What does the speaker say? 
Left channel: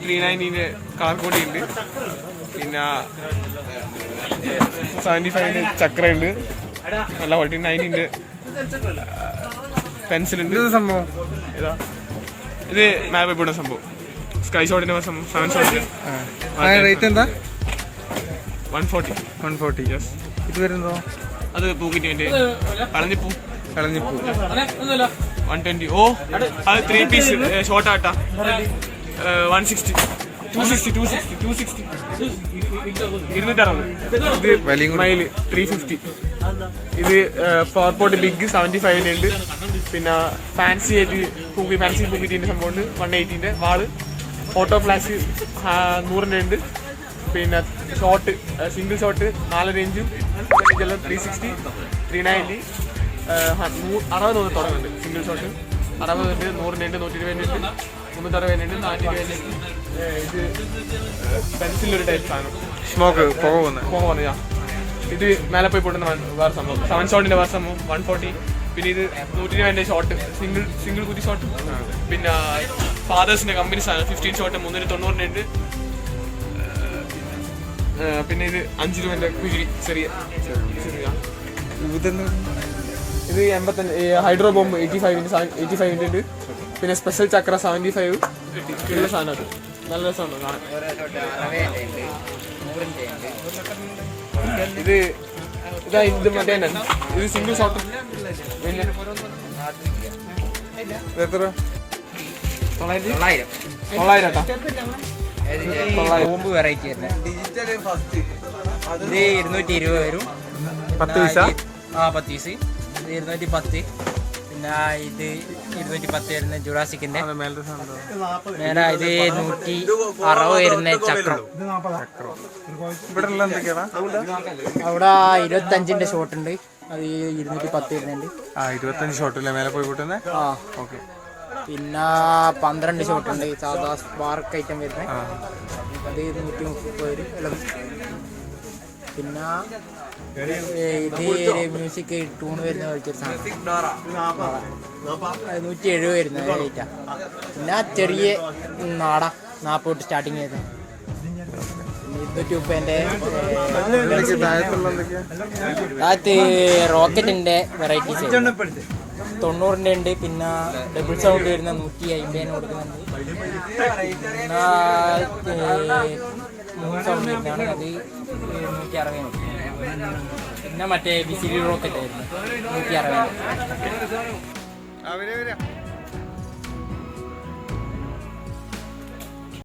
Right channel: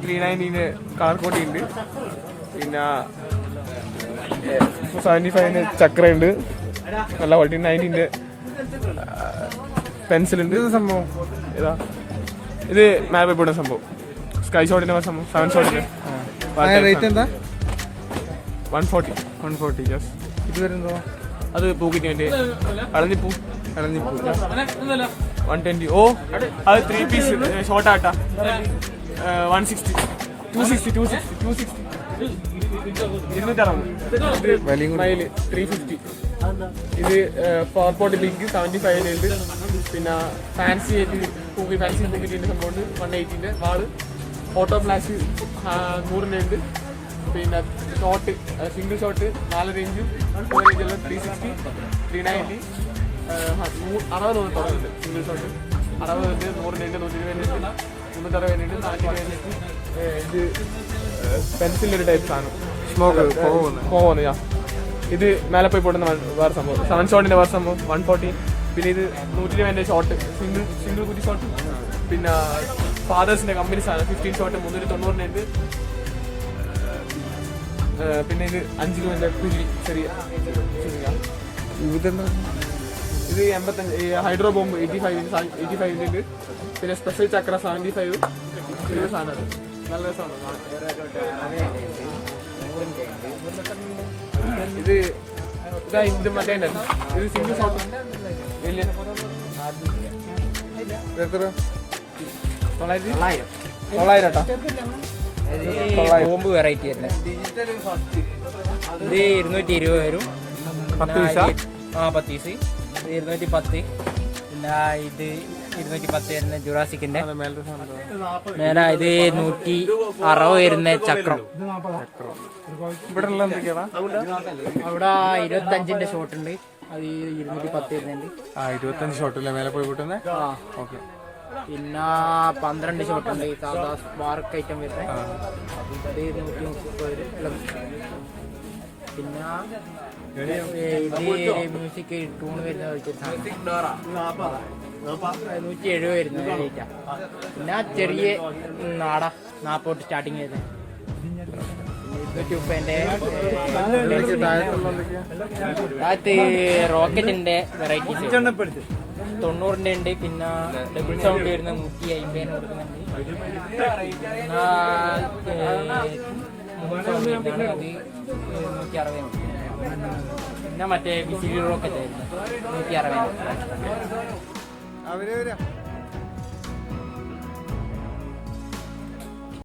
Three nineteen colour കോടി ഉണ്ട് പിന്നെ സെവന്റി ഫൈവിന് ചക്രയുണ്ട്. അല്ല ഫോർട്ടി നയന്റീന്റെ പെൻസിലുണ്ട് സംഭവം? ഇതാ ഇത് മാപ്പ് ഇവിടെ സംഭവം. സ്കൈ ഷോട്ടിന്റെ സംഭവം. സെവൻ ഷോട്ടിന് അതിന് റേറ്റ് എന്താ? One forty one forty yes ഇത് വരുന്നതോ? അത് പൂക്കിന്റെ വേണ്ടി. കളഞ്ഞിപ്പൂ. കളഞ്ഞിപ്പൂ. വൺ ട്വന്റി ഓ അത് ത്രീ പീസ് ഷോർട്ട് ആട്ടാ. One sixty two sixty two sixty two sixty ഇരുന്നൂറ്ററുപത്. Three fifty ഇത് ഫോർപോർട്ട് ബിഗ് സെവന്റി ഫൈവിനുണ്ട് പിന്നെ ഫാൻസി ആയിട്ട് തൂക്കി ഫാൻസി തൂക്കിറ്റിന്റെ സംഭവമുണ്ട്. വൺ എയ്റ്റീന്റെ വാൾ. ഓട്ടോ ഫ്ലാഷ് നൂറിന്റെ ഉണ്ട്. പിന്നെ ഷോട്ട് സിംഗിൾ ഷോട്ട് നാല് range three sixty three ninety അറുപത് നൂറ് തുടങ്ങുന്നുണ്ട് സിംഗിൾ ഷോട്ട് അറുപത് ഉണ്ട് നൂറിന്റെ ഉണ്ട് നൂറ്റി ഇരുപതിന്റെ ഉണ്ട് മുന്നൂറ്ററുപതിന്റെ ഉണ്ട്. നാനൂറ്റി ഇരുപതിന്റെ ഇത് പെൻസിലൊരു ടൈപ്പ് ആണ്. സ്മോക്ക് പുക പോകുന്നത്. പോകുന്നത് ഇത് മേലെ പോയി പൊട്ടുന്ന വേറെ സംഭവം. സെവൻ ഷോട്ടിന്റെ വേറെ സംഭവം. വൺ ഫോർട്ടി പിന്നെ ഇത് നൂറ്റി രൂപേന്റെ ഷോട്ട് സിംഗിൾ സിംഗിൾ കുറ്റി ഷോട്ട് പിന്നെ ഫാദേഴ്സിന്റെ കമ്പനി ഫിഫ്റ്റീൻ ഷോട്ട് മുന്നൂറ്റി തൊണ്ണൂറിന് ഉണ്ട് പിന്നെ ഇത് അഞ്ച് രൂപന്റെ കുരുവി ചെറിയ ഇത് എൺപത്തഞ്ച് hydro bomb eighty five eighty ഫൈവിന്റെ ഉണ്ട് പിന്നെ സ്പെഷ്യൽ ചക്ര സെവന്റി ഫൈവ് സാധനമാണ് നല്ല രസമാണ്. ഇത് ഇതാ ഇത് മറ്റേ. ഇത് സിംഗിൾ ഷോട്ട് വലിയ. എത്ര? തൊള്ളായിരം ബോംബ് വെറൈറ്റി ഇത് ഇരുന്നൂറ്റി ഇരുപത് വരും. പത്ത് പൈസ? ആ പത്ത് പീസ്. ഇരുന്നൂറ്റി പത്ത്. പിന്നെ ഇത് ഇരുന്നൂറ്റി പത്ത് വരുന്ന ജുറാസിക്കിന്റെ നേരെ ഇത്. നൂറ്റി അറുപത് വരുന്ന ചക്രം. അവിടെ ഇരുപത്തഞ്ചിന്റെ ഷോട്ട് ഉണ്ട് അത് ഇരുന്നൂറ്റി പത്ത് വരുന്നുണ്ട്. ആ ഇരുപത്തഞ്ച് മേലെ പോയി കൂട്ടുന്നേ? ആ. ഓക്കെ. പിന്നെ പന്ത്രണ്ട് ഷോട്ട് ഉണ്ട് സാധാ സ്പാർക്ക് ഐറ്റം വരുന്നത് ആ. അത് നൂറ്റി മുപ്പത് വരും. പിന്നെ മ്യൂസിക് ടൂൺ വരുന്ന പോലത്തെ ഒരു സാധനം. നൂറ്റി എഴുപത് വരുന്ന റേറ്റാ പിന്നെ ചെറിയ നാട നാപ്പോട്ട് സ്റ്റാർട്ടിങ് വരുന്നത് റോക്കറ്റിന്റെ വെറൈറ്റീസ് തൊണ്ണൂറിന്റെ ഉണ്ട് പിന്നെ ഡബിൾ സൗണ്ട് വരുന്ന നൂറ്റി അമ്പതിന് കൊടുക്കുന്നുണ്ട് സൗണ്ട് അത് നൂറ്റി അറുപതിന് കൊടുക്കുന്നത്. പിന്നെ മറ്റേ ബിസിലി റോക്കറ്റ് ആയിരുന്നു. നൂറ്റി അറുപത്. അവരെ വരാ.